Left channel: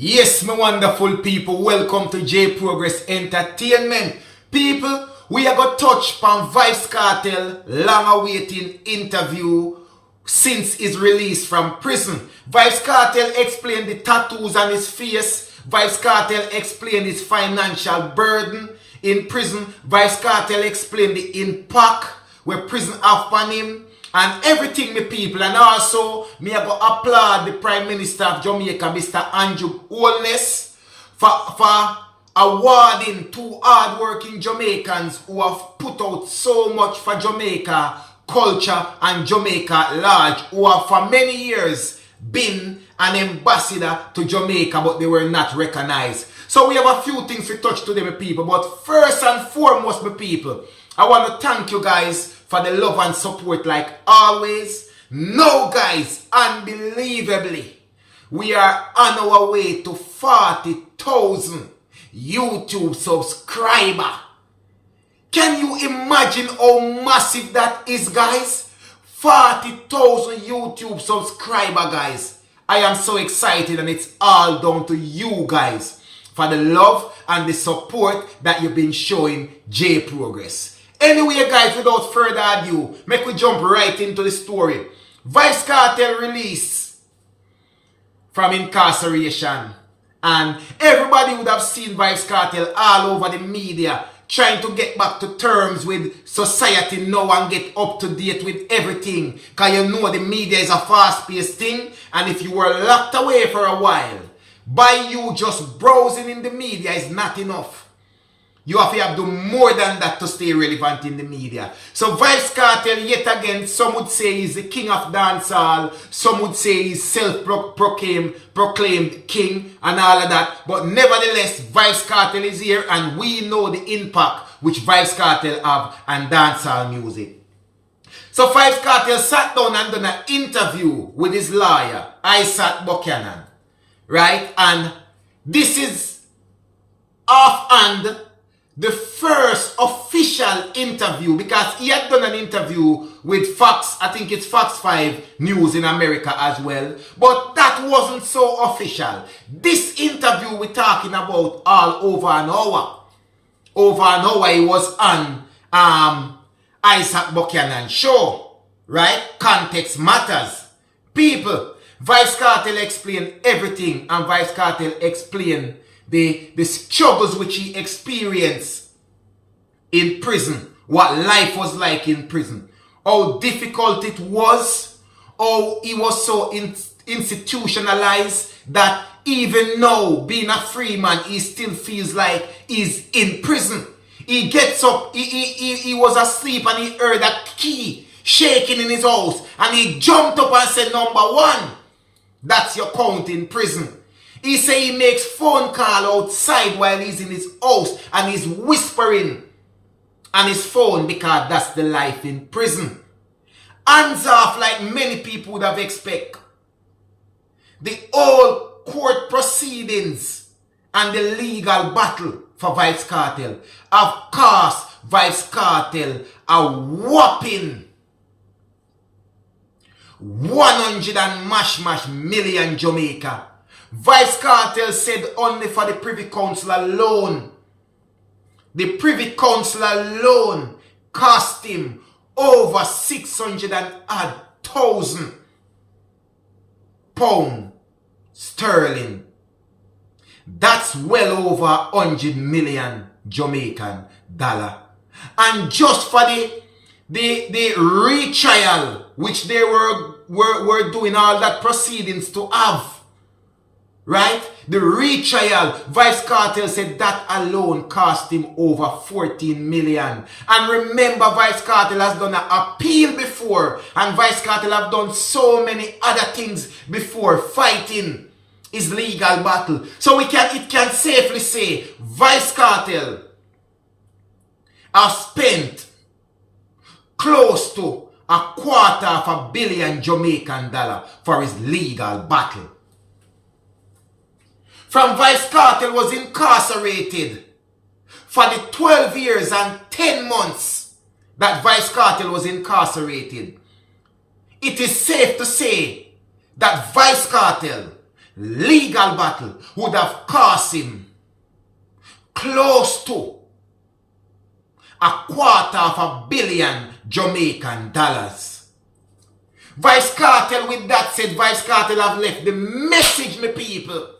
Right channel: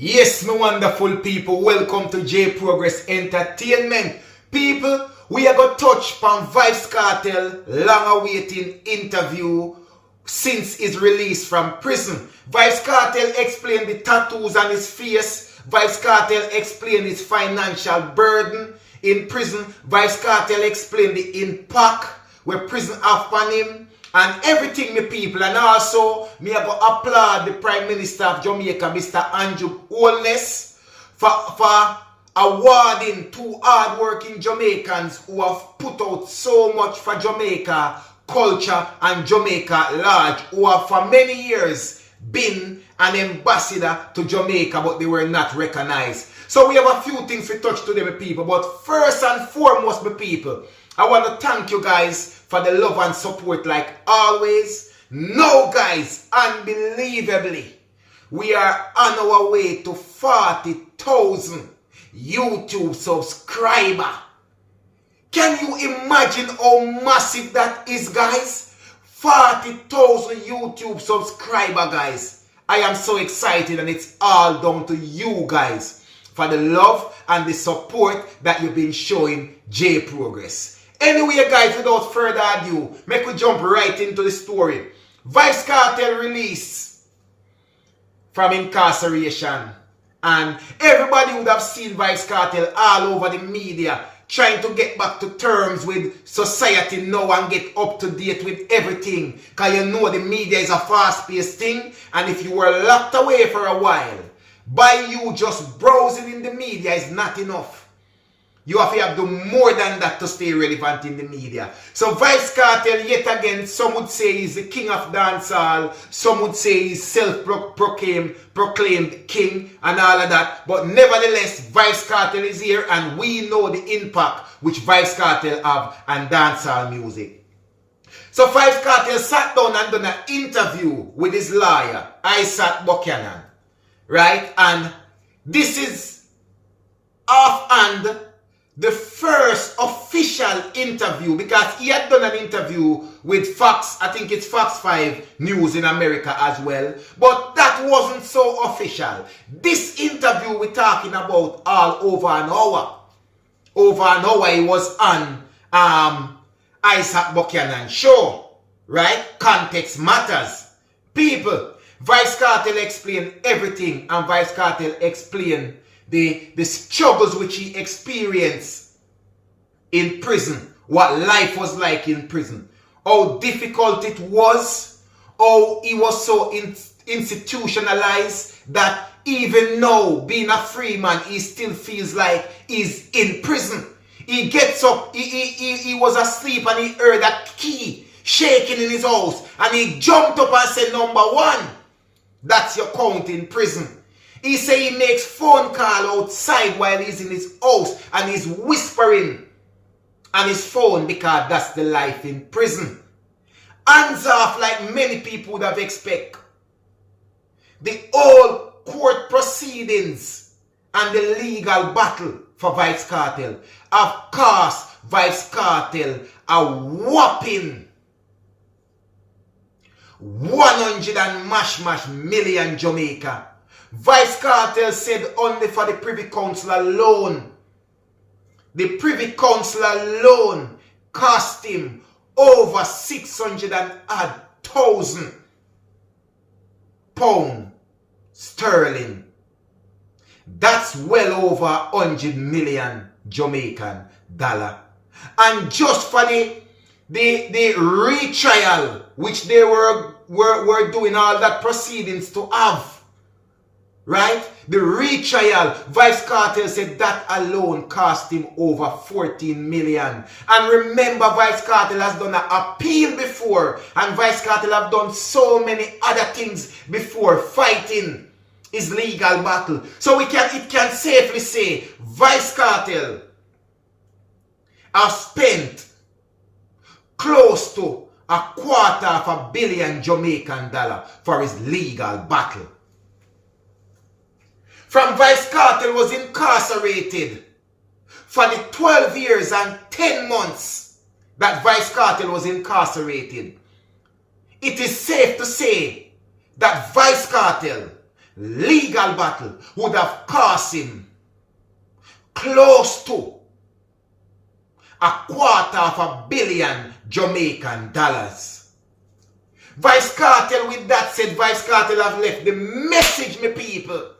Yes, my wonderful people, welcome to J Progress Entertainment. People, we are going to touch on Vybz Kartel long awaiting interview since his release from prison. Vybz Kartel explained the tattoos on his face. Vybz Kartel explained his financial burden in prison. Vybz Kartel explained the impact where prison have on him. And everything, my people, and also me I go applaud the Prime Minister of Jamaica, Mr. Andrew HOLNESS, for awarding two hard-working Jamaicans who have put out so much for Jamaica culture and Jamaica large, who have for many years been an ambassador to Jamaica, but they were not recognized. So we have a few things to touch today, my people. But first and foremost, my people, I want to thank you guys for the love and support like always. Now guys, unbelievably, we are on our way to 40,000 YouTube subscribers. Can you imagine how massive that is, guys? 40,000 YouTube subscribers, guys. I am so excited, and it's all down to you guys for the love and the support that you've been showing J Progress. Anyway, guys, without further ado, make we jump right into the story. Vybz Kartel release from incarceration. And everybody would have seen Vybz Kartel all over the media trying to get back to terms with society now and get up to date with everything. Because you know the media is a fast-paced thing. And if you were locked away for a while, by you just browsing in the media is not enough. You have to do more than that to stay relevant in the media. So Vybz Kartel, yet again, some would say he's the king of dancehall. Some would say he's self-proclaimed king and all of that. But nevertheless, Vybz Kartel is here, and we know the impact which Vybz Kartel have on dancehall music. So Vybz Kartel sat down and done an interview with his lawyer, Vybz Kartel, right? And this is offhand the first official interview, because he had done an interview with Fox, I think it's Fox 5 News in America as well, but that wasn't so official. This interview we're talking about all over an hour. Over an hour he was on Isaac Buchanan show, right? Context matters. People, Vybz Kartel explained everything, and Vybz Kartel explained the struggles which he experienced in prison, what life was like in prison, how difficult it was, how he was so institutionalized that even now, being a free man, he still feels like he's in prison. He gets up, he was asleep and he heard a key shaking in his house, and he jumped up and said, "Number one, that's your count in prison." He say he makes phone call outside while he's in his house, and he's whispering on his phone because that's the life in prison. Hands off, like many people would have expected. The whole court proceedings and the legal battle for Vybz Kartel have cost Vybz Kartel a whopping 100 and mash million Jamaica. Vybz Kartel said only for the Privy Council alone, the Privy Council alone cost him over 600,000 pounds sterling. That's well over 100 million Jamaican dollar. And just for the retrial, which they were doing all that proceedings to have, right? The retrial, Vybz Kartel said that alone cost him over 14 million. And remember, Vybz Kartel has done an appeal before, and Vybz Kartel have done so many other things before fighting his legal battle. So it can safely say Vybz Kartel have spent close to $250 million Jamaican dollar for his legal battle. From Vybz Kartel was incarcerated for the 12 years and 10 months that Vybz Kartel was incarcerated. It is safe to say that Vybz Kartel legal battle would have cost him close to $250 million Jamaican dollars. Vybz Kartel, with that said, Vybz Kartel have left the message, my people.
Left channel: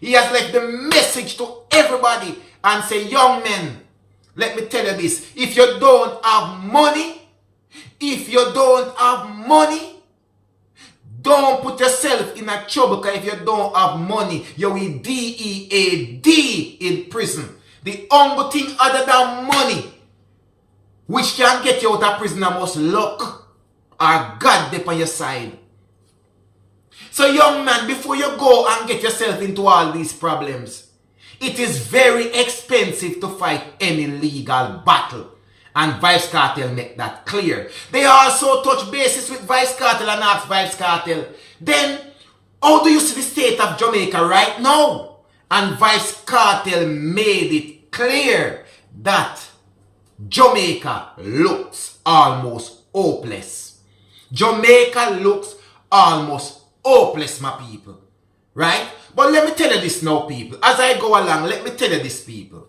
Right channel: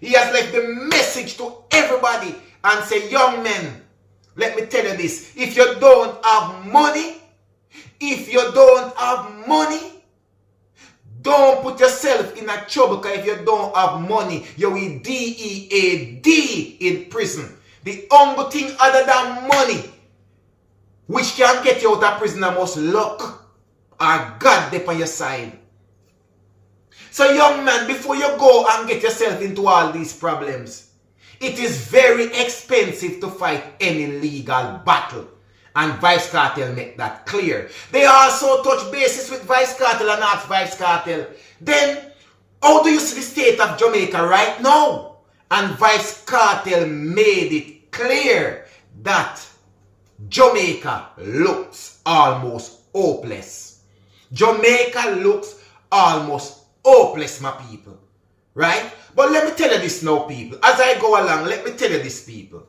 He has left the message to everybody and say, young men, let me tell you this. If you don't have money, don't put yourself in a trouble, because if you don't have money, you will DEAD in prison. The only thing other than money which can get you out of prison are most luck or God there on your side. So young man, before you go and get yourself into all these problems, it is very expensive to fight any legal battle. And Vybz Kartel make that clear. They also touch bases with Vybz Kartel and ask Vybz Kartel, then how do you see the state of Jamaica right now? And Vybz Kartel made it clear that Jamaica looks almost hopeless. Jamaica looks almost hopeless, my people. Right? But let me tell you this now, people. As I go along, let me tell you this, people.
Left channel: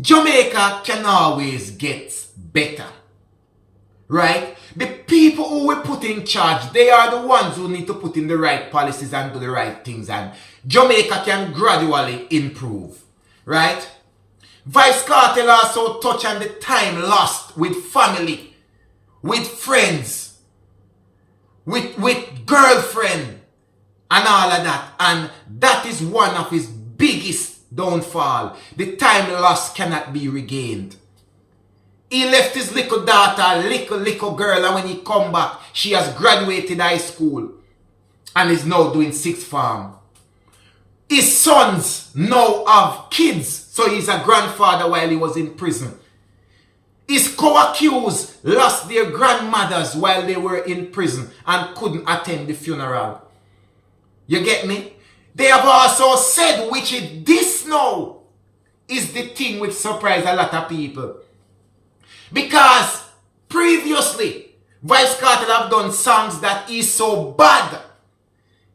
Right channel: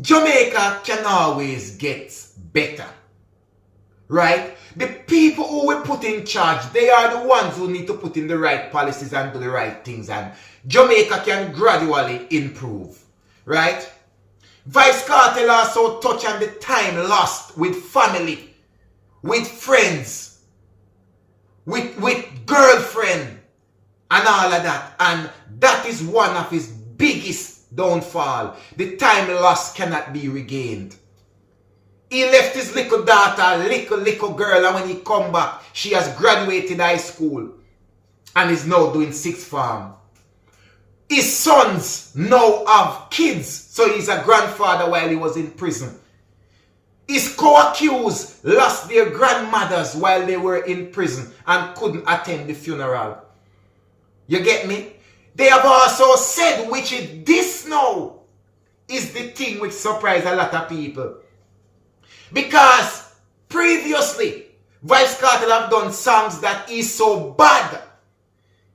Jamaica can always get better. Right? The people who we put in charge, they are the ones who need to put in the right policies and do the right things. And Jamaica can gradually improve. Right? Vybz Kartel also touch on the time lost with family, with friends, with girlfriend, and all of that. And that is one of his biggest downfall. The time lost cannot be regained. He left his little daughter, little girl, and when he come back, she has graduated high school and is now doing sixth form. His sons now have kids, so he's a grandfather while he was in prison. His co-accused lost their grandmothers while they were in prison and couldn't attend the funeral. You get me? They have also said, which is this now, is the thing which surprised a lot of people. Because previously, Vybz Kartel have done songs that is so bad.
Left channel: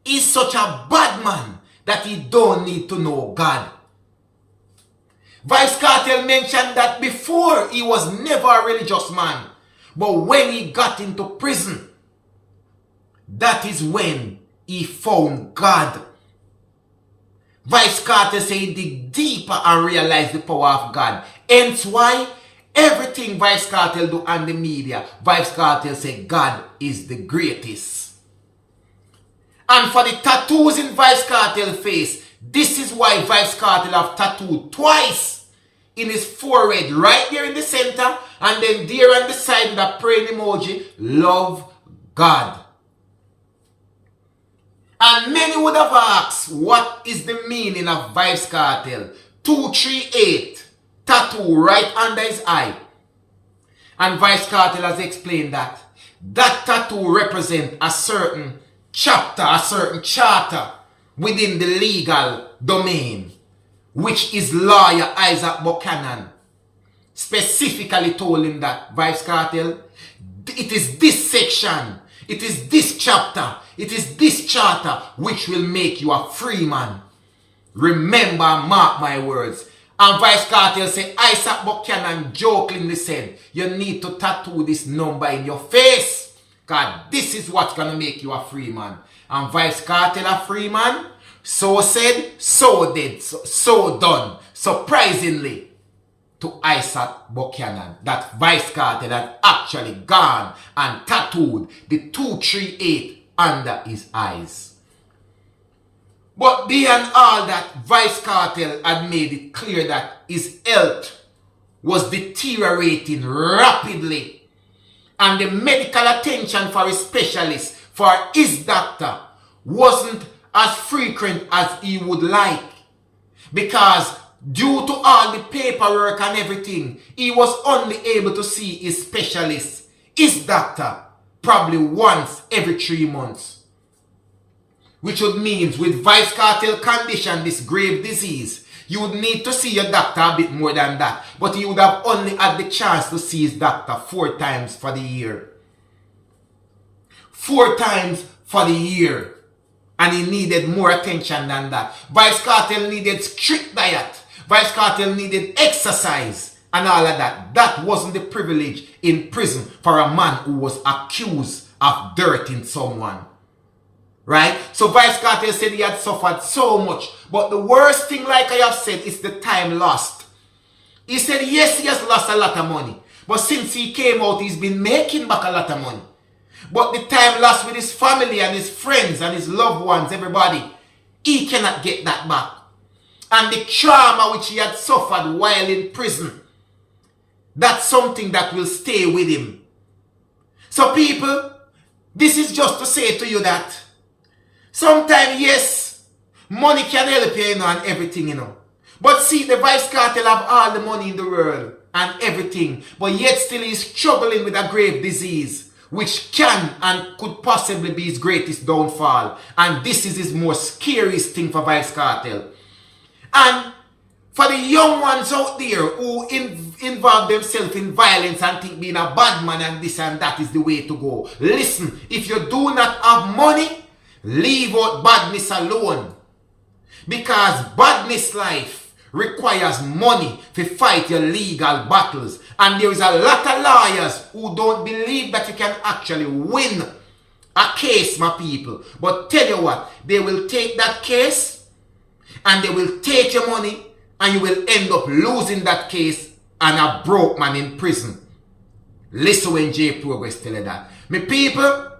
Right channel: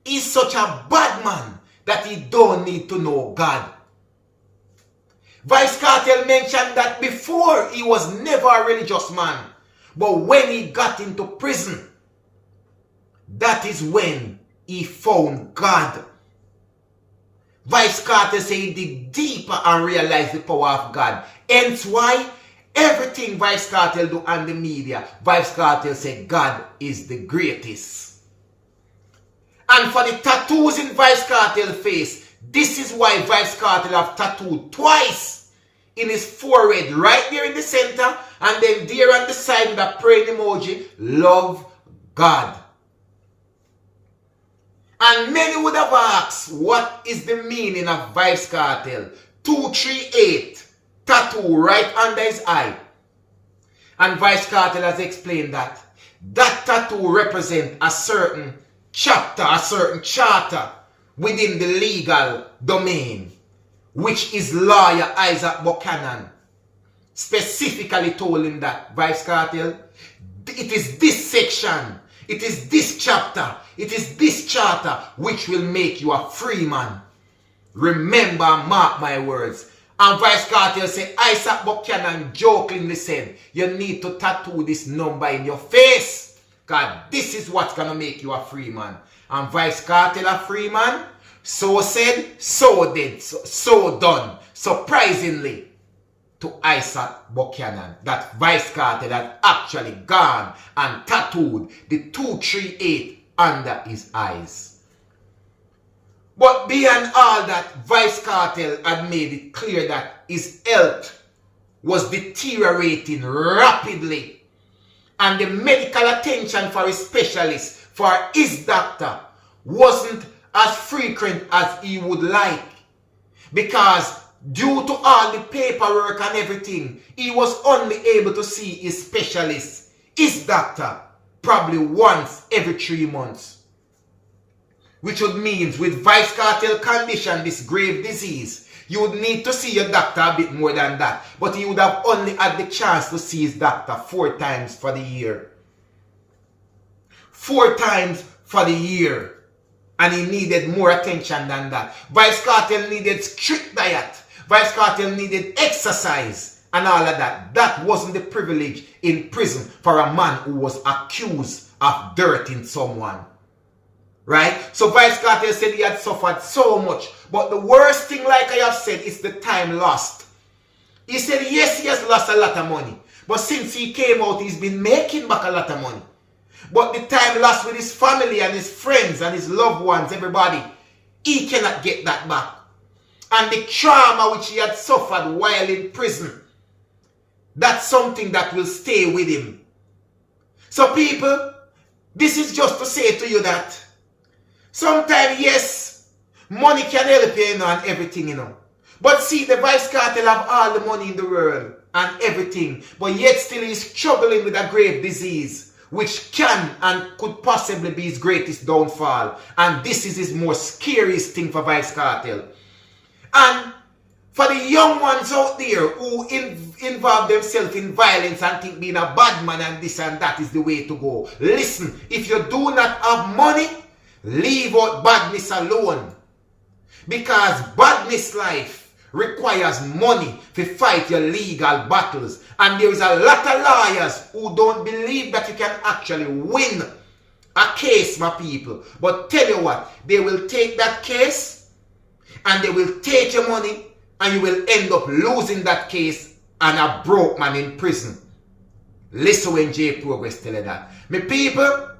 He's such a bad man that he don't need to know God. Vybz Kartel mentioned that before he was never a religious man. But when he got into prison, that is when he found God. Vybz Kartel said he dig deeper and realized the power of God. Hence why everything Vybz Kartel do on the media, Vybz Kartel say God is the greatest. And for the tattoos in Vybz Kartel face, this is why Vybz Kartel have tattooed twice in his forehead, right there in the center, and then there on the side with a praying emoji, love God. And many would have asked, what is the meaning of Vybz Kartel 238 tattoo right under his eye? And Vybz Kartel has explained that that tattoo represents a certain chapter, a certain charter within the legal domain, which is lawyer Isaac Buchanan specifically told him that, Vybz Kartel, it is this section, it is this chapter, it is this charter which will make you a free man. Remember, mark my words. And Vybz Kartel said, Isaac Buchanan jokingly said, you need to tattoo this number in your face. God, this is what's going to make you a free man. And Vybz Kartel a free man? So said, so did, so done. Surprisingly, to Isaac Buchanan, that Vybz Kartel had actually gone and tattooed the 238 under his eyes. But beyond all that, Vybz Kartel had made it clear that his health was deteriorating rapidly. And the medical attention for his specialist, for his doctor, wasn't as frequent as he would like. Because due to all the paperwork and everything, he was only able to see his specialist, his doctor, probably once every 3 months. Which would mean with Vybz Kartel condition, this grave disease, you would need to see your doctor a bit more than that. But he would have only had the chance to see his doctor 4 times for the year. 4 times for the year. And he needed more attention than that. Vybz Kartel needed strict diet. Vybz Kartel needed exercise and all of that. That wasn't the privilege in prison for a man who was accused of dirtying someone. Right? So Vybz Kartel said he had suffered so much. But the worst thing, like I have said, is the time lost. He said, yes, he has lost a lot of money. But since he came out, he's been making back a lot of money. But the time lost with his family and his friends and his loved ones, everybody, he cannot get that back. And the trauma which he had suffered while in prison, that's something that will stay with him. So people, this is just to say to you that sometimes, yes, money can help you, and everything, But see, the Vybz Kartel have all the money in the world and everything, but yet still he's struggling with a grave disease, which can and could possibly be his greatest downfall. And this is his most scariest thing for Vybz Kartel. And for the young ones out there who involve themselves in violence and think being a bad man and this and that is the way to go. Listen, if you do not have money, leave out badness alone. Because badness life requires money to fight your legal battles. And there is a lot of lawyers who don't believe that you can actually win a case, my people. But tell you what, they will take that case and they will take your money and you will end up losing that case and a broke man in prison. Listen when J Progress tell you that. My people,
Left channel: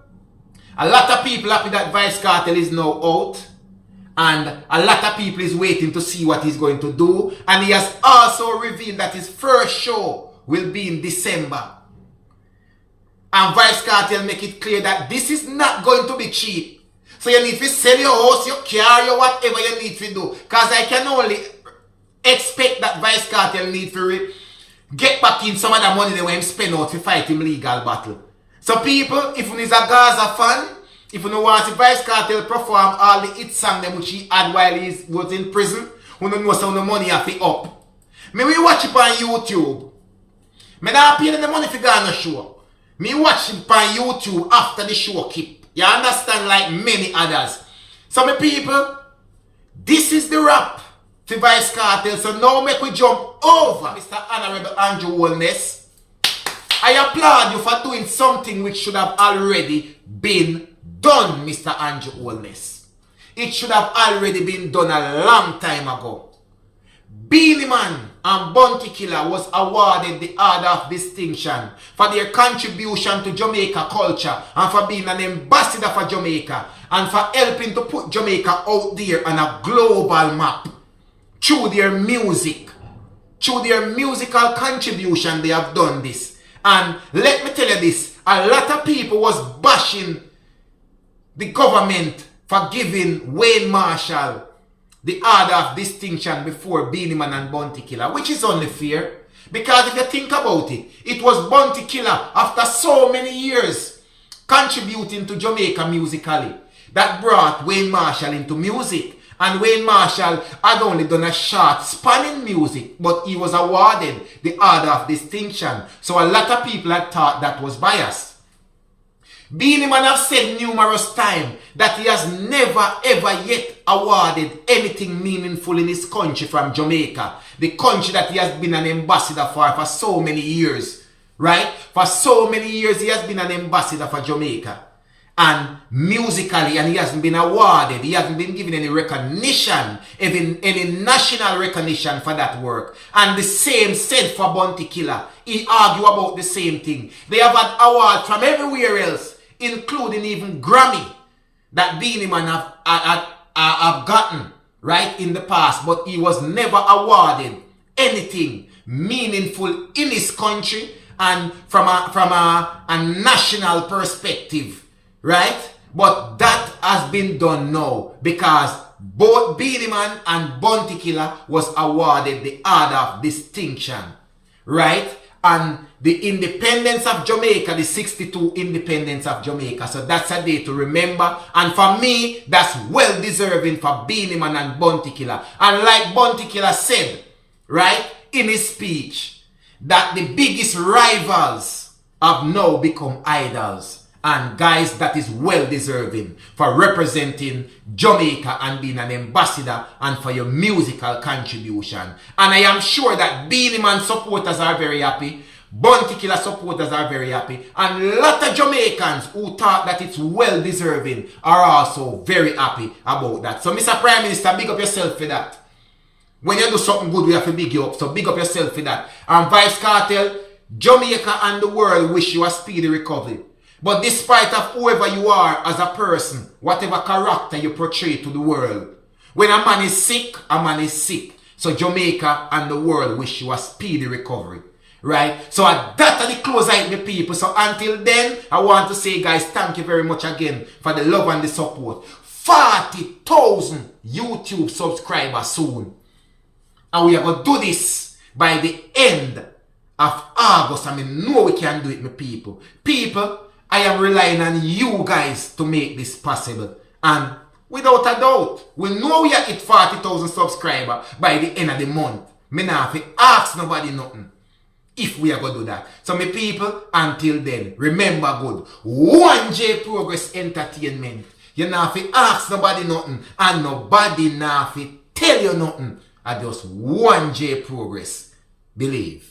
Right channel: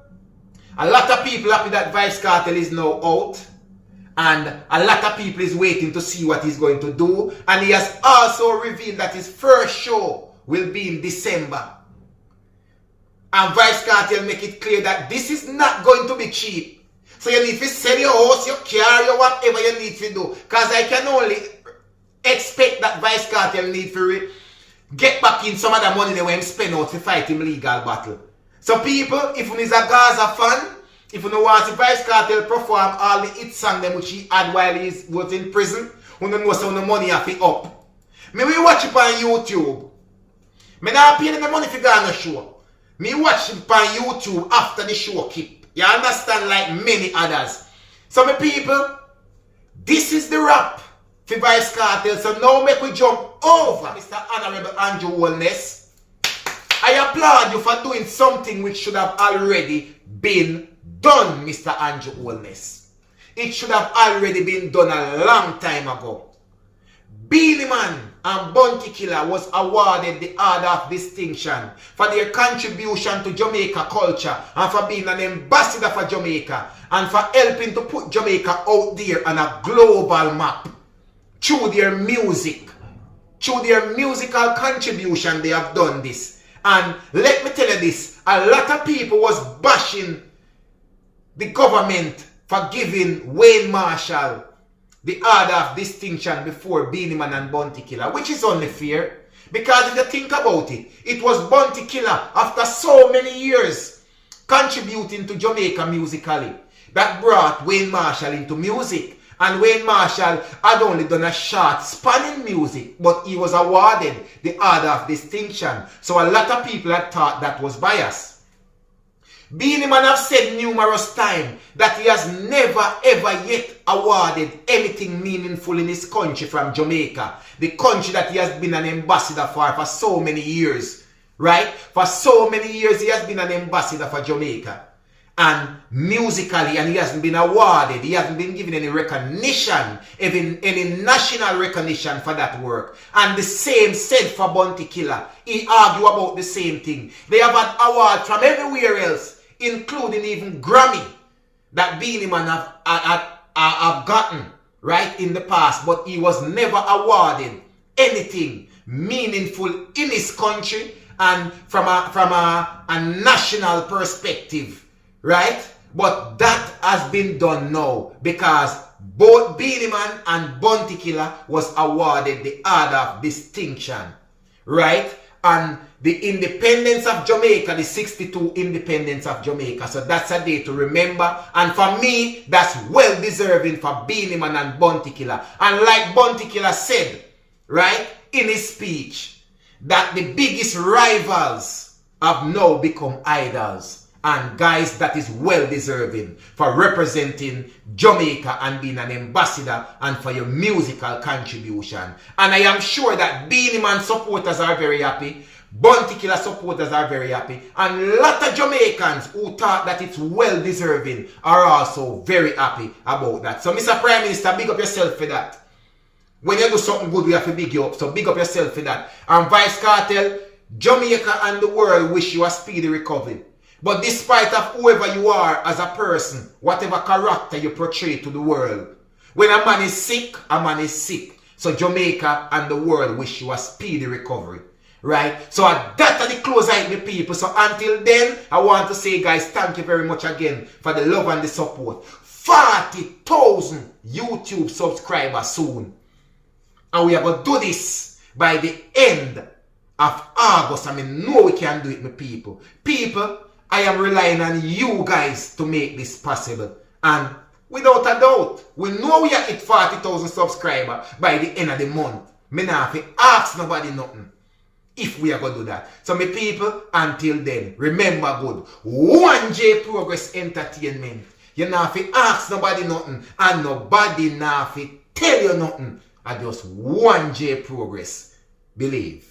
a lot of people happy that Vybz Kartel is now out. And a lot of people is waiting to see what he's going to do. And he has also revealed that his first show will be in December. And Vybz Kartel make it clear that this is not going to be cheap. So you need to sell your house, your car, your whatever you need to do. Because I can only expect that Vybz Kartel need to get back in some of the money they want him spend out to fight him legal battle. So people, if you is a Gaza fan, if you want to Vybz Kartel perform all the hit songs them which he had while he was in prison, you don't know some of the money have to up. Me we watch it on YouTube. Me not paying the money for go on the show. Me watch it on YouTube after the show keep. You understand, like many others. So my people, this is the wrap for Vybz Kartel. So now make we jump over Mr. Honorable Andrew Holness. I applaud you for doing something which should have already been done, Mr. Andrew Holness. It should have already been done a long time ago. Beenie Man and Bounty Killer was awarded the Order of Distinction for their contribution to Jamaica culture and for being an ambassador for Jamaica and for helping to put Jamaica out there on a global map through their music. Through their musical contribution they have done this. And let me tell you this, a lot of people was bashing the government for giving Wayne Marshall the Order of Distinction before Beenie Man and Bounty Killer, which is only fair. Because if you think about it, it was Bounty Killer after so many years contributing to Jamaica musically that brought Wayne Marshall into music. And Wayne Marshall had only done a short span in music, but he was awarded the Order of Distinction. So a lot of people had thought that was bias. Beenie Man have said numerous times that he has never ever yet awarded anything meaningful in his country from Jamaica. The country that he has been an ambassador for so many years. Right? For so many years he has been an ambassador for Jamaica. And musically, and he hasn't been awarded, he hasn't been given any recognition, even any national recognition for that work. And the same said for Bounty Killer. He argue about the same thing. They have had awards from everywhere else, including even Grammy, that Beenie Man have gotten, right, in the past. But he was never awarded anything meaningful in his country and from a national perspective. Right? But that has been done now because both Beenie Man and Bounty Killer was awarded the Order of Distinction. Right? And the independence of Jamaica, the 62 independence of Jamaica. So that's a day to remember. And for me, that's well deserving for Beenie Man and Bounty Killer. And like Bounty Killer said, right, in his speech, that the biggest rivals have now become idols. And guys, that is well deserving for representing Jamaica and being an ambassador and for your musical contribution. And I am sure that Beenie Man supporters are very happy. Bounty Killer supporters are very happy. And a lot of Jamaicans who thought that it's well deserving are also very happy about that. So Mr. Prime Minister, big up yourself for that. When you do something good, we have to big you up. So big up yourself for that. And Vybz Kartel, Jamaica and the world wish you a speedy recovery. But despite of whoever you are as a person, whatever character you portray to the world, when a man is sick, a man is sick. So Jamaica and the world wish you a speedy recovery. Right? So that are the close I hit me people. So until then, I want to say guys, thank you very much again for the love and the support. 40,000 YouTube subscribers soon. And we are going to do this by the end of August. I mean, no we can do it, my people. People, I am relying on you guys to make this possible. And without a doubt, we know we are at 40,000 subscribers by the end of the month. Me not have to ask nobody nothing if we are going to do that. So my people, until then, remember good. 1J Progress Entertainment. You not have to ask nobody nothing. And nobody not have to tell you nothing. I just 1J Progress. Believe.